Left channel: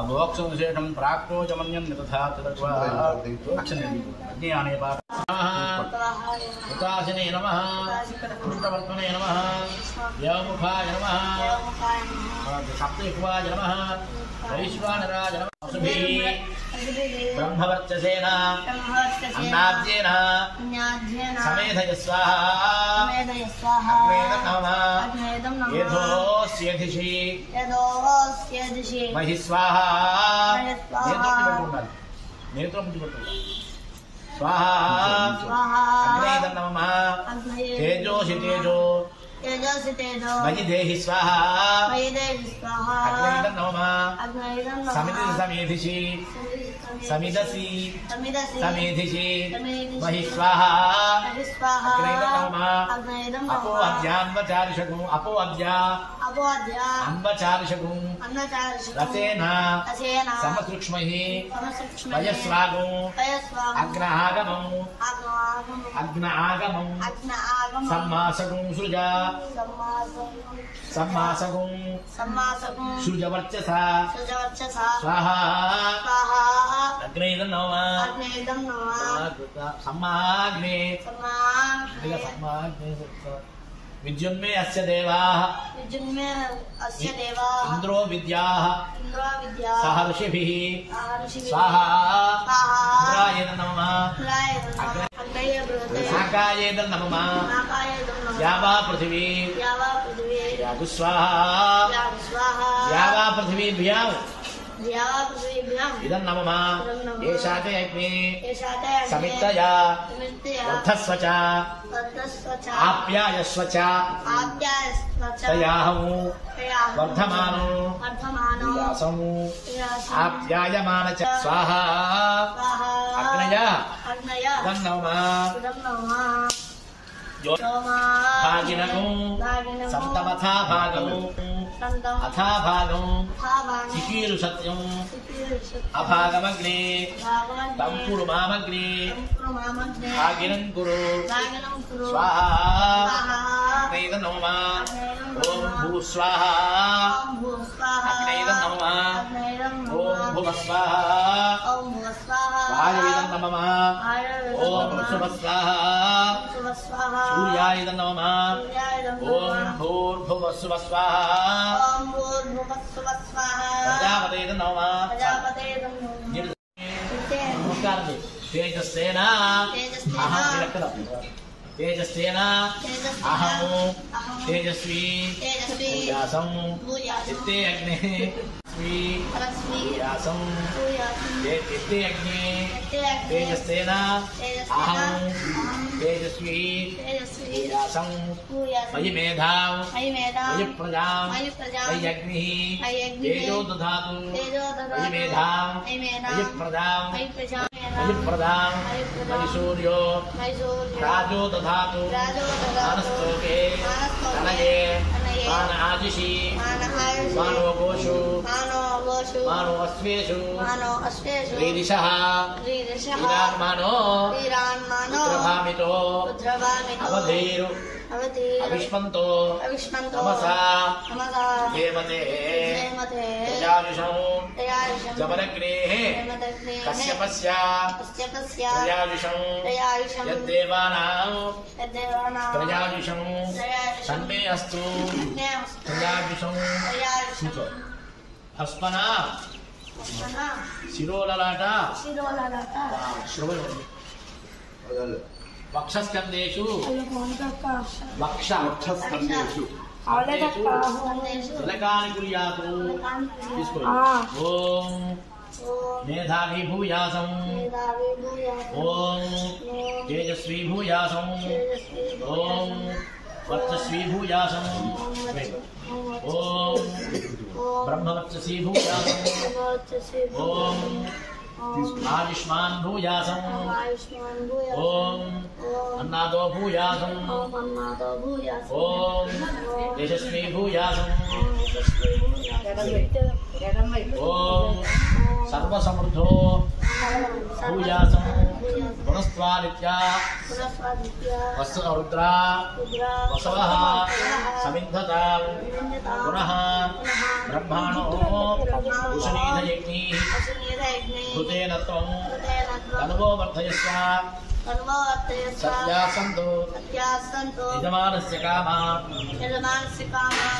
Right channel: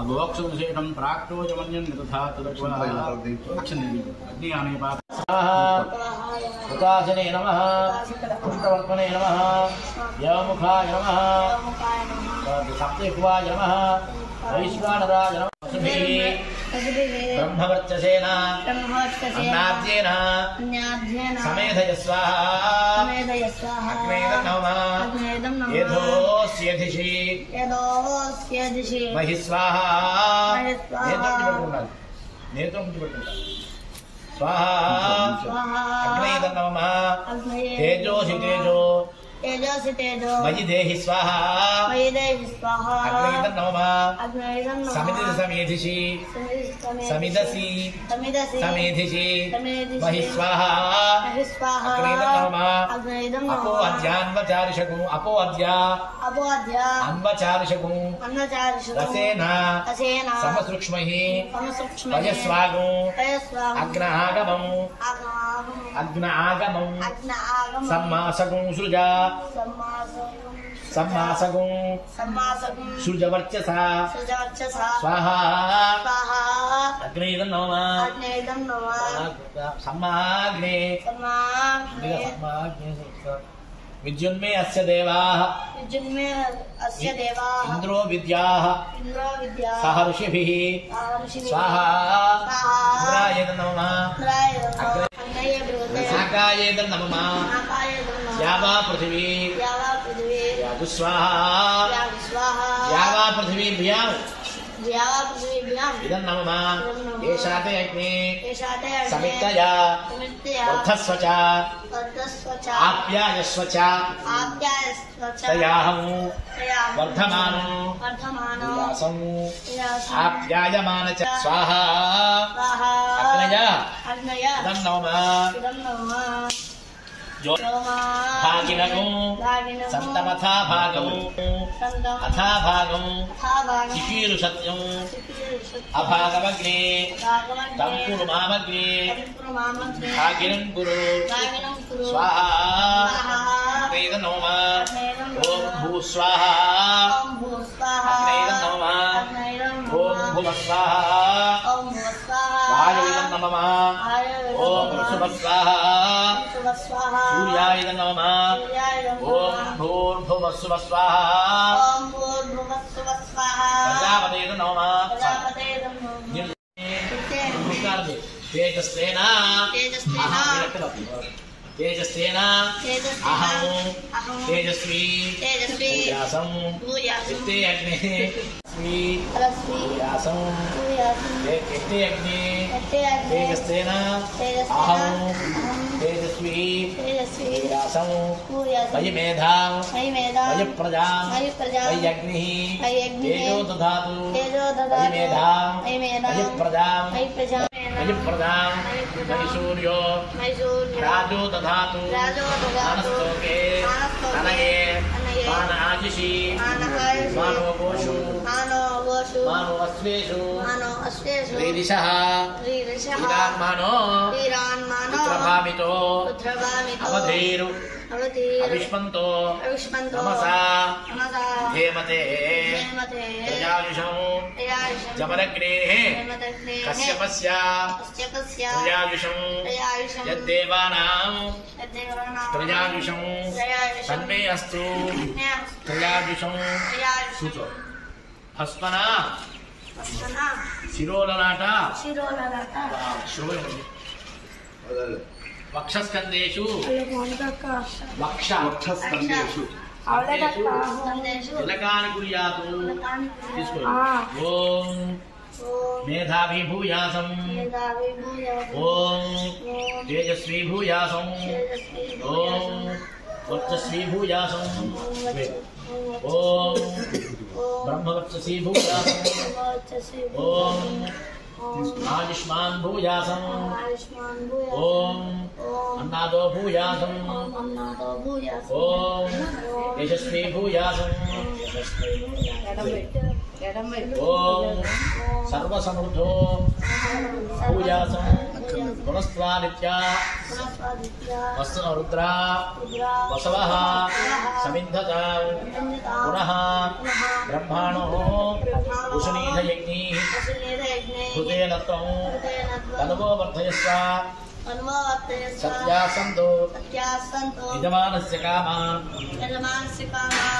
अभोक्षुशेषं प्राक्तोजमन्यं तथा तदत्वा अग्नियाने हुताशने नमः पुष्टवर्त्मने नमः यमुखाय नमः सप्तकुवाय नमः वैश्वानराय नमः ब्रह्मवर्चसेन अन्नाद्येन समेधय स्वाहा अग्नेदं नमः यथोस्यधिषि महि स्वाहा नेत्रं स्वाहा अग्नेदं नमः तेजोषि तेजो मयि देहि स्वाहा अग्नेदं नमः समिति समेधिषि समिदसि समेधिषि महि स्वाहा अग्नेदं नमः अपो अद्यान्वचारिषगु अपो अद्या अन्वचारिषगु रसेन समसूक्ष्मैः वयस्वागु अग्न आगमं सम्मासगु सृजा सम्मासगुं सृजवर्चसा स्वाहा अग्नेदं नमः सम्माग्ने विद्युन्मे अस्य देवाः इंद्रो विद्याः सह ऋषिभिः स्वाहा इंद्रायेन नमः साकायेन नमः यावा पृथिवी स्वाहा यावा पृथिवीभ्याम् इदं नमः येषाते अग्ने समित्तया वर्धस्व च आप्यायस्व च तयाहमु वर्धमानो विलासम् आप्यायमान च स्वाहा अग्नय इदं नमः भागिनगु सन्तमथा भागमु अथा भागं चिकीर्षत्यं अभागमग्ने तं कुरु मामग्ने भागिनं कुरु स्वाहा अग्नेदं नमः ॐ भूस्वाहा अग्नेदं नमः ॐ भुवस्वाहा वायुवेदं नमः ॐ सुभस्वाहा सूर्याय नमः ॐ भूर्भुवस्सुवः स्वाहा प्रजापतये नमः तेजस्तेन तेजस्तेन अहं तेजस्वी चित्ते अग्ने चित्ते अग्ने तेजस्तेन अहं तेजस्वी मयि मेधां मयि प्रजां मयि अग्निः तेजो दधातु मयि मेधां मयि प्रजां मयि प्रजां मयि सूर्यो राजो दधातु मानस्तोके अनये मान आजिषि मानो गोषु मानो अश्वेषु रीरिषः वीरान्मानो पुत्रभामितो अवधीरु अविष्मन्तो नमसा हेमते प्रजायुषं जमदग्नेः कश्यपस्य प्रजायुषं यद्देवानां प्रजायुषं तन्मे अस्तु प्रजायुषं हस्मना शिरोललाट श्रोयति वक्षस्कन्देषु वक्षस्कन्देषु तिलकानि कुर्यातु ओम मेधावी भूयासं ओम तेजस्वी भूयासं ओम वर्चस्वी भूयासं ओम ब्रह्मवर्चसी भूयासं ओम आयुष्मान भूयासं ओम अन्नादो भूयासं ओम यशस्वी भूयासं ओम सर्वसमृद्धो पूजासं पुनस्त्वादित्या वत्सरुद्रा वसवः समिद्धतां पुनः ब्रह्माणो उष्णीधयज्ञैः कृतेन त्वं तन्वो वर्धयस्व सत्यासन्तो यजमानस्य कामान्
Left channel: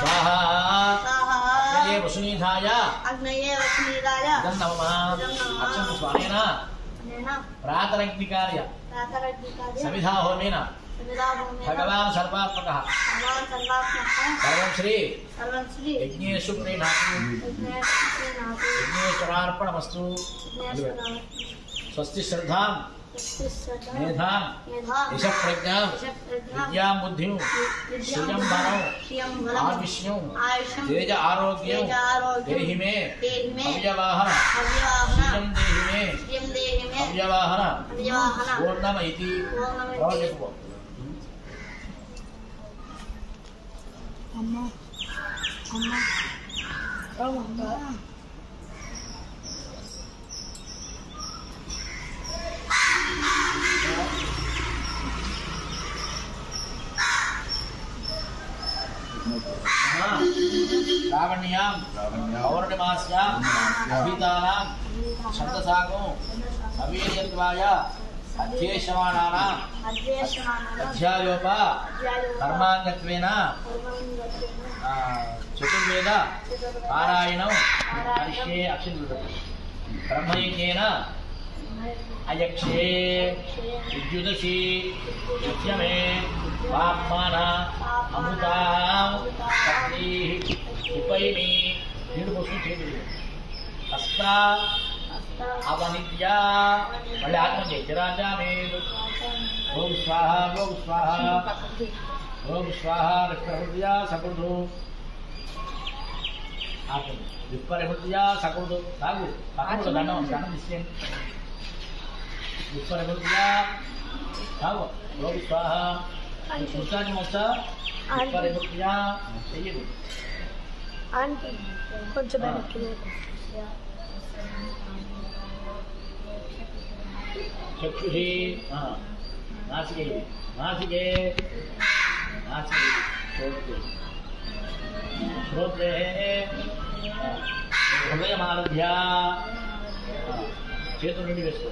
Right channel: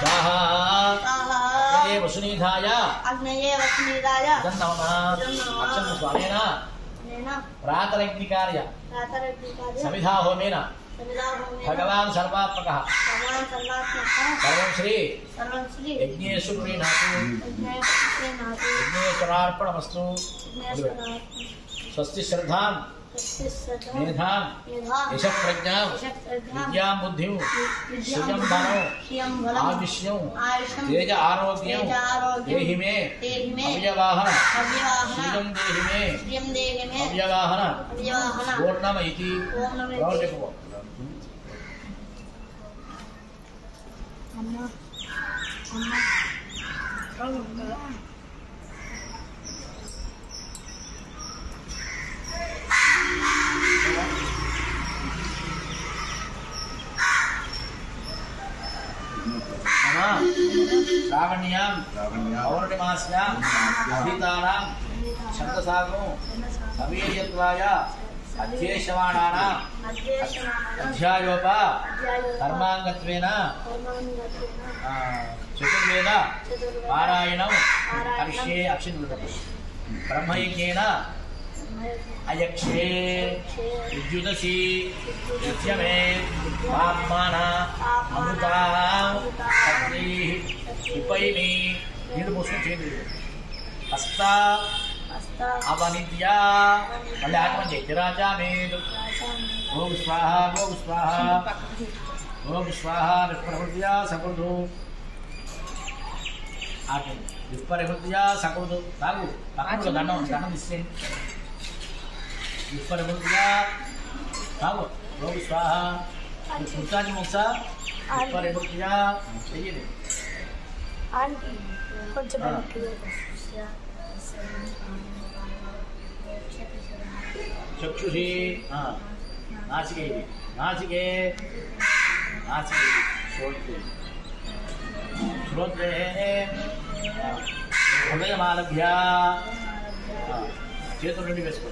स्वाहा अग्नये वसुनीधाय नमः अक्षन्तु स्वामेन प्रातरग्निकार्य समिधा होमेन भगवान् सर्वात्मकः सर्वं श्री यज्ञेषु प्रीणातु यज्ञेश्वरार्पणमस्तु स्वस्ति श्रद्धां मेधां यशप्रज्ञां विद्यां बुद्धिं श्रियं धनं आयुष्यं तेज आरोग्यं देहि मे अव्यवाहन श्रियं देहि मे अव्यवाहन पूर्णमैति श्रावण्यां पौर्णिमास्यां अभितानां छन्दसागो अवीर्यत्वाय अध्येष्यमाणानां अध्यायोप कर्माङ्गत्वेन चतुर्वेद पारायणं करिष्ये अक्षिणुः ब्रह्मयज्ञेन अयक्षे विद्युदसि युज्यमे पाप्माना अमृता पत्नीः उपैमि नीडु पोषण चेयలేదు हस्ता अवनिद्या मళ్ళీ ఆత్మ జయరాజా మేదు ఓం స్వాహా ఓం స్వాహా ఓం స్వాహా విప్రహృద్యా సకృదు ఆత్మ విప్రహృద్యా సకృదు తాగు పక్కన దండం ఇచ్చేయండి విప్రహృద్యా తాగు ఓం స్వాహా ముత్తాని మొత్త విప్రహృద్యా చెయ్యండి కొంచెం चक्षुषी नासिके नासिके नासिके श्रोत्रे श्रोत्रे हृदयमालभ्य चेतुर्निधि वेसुको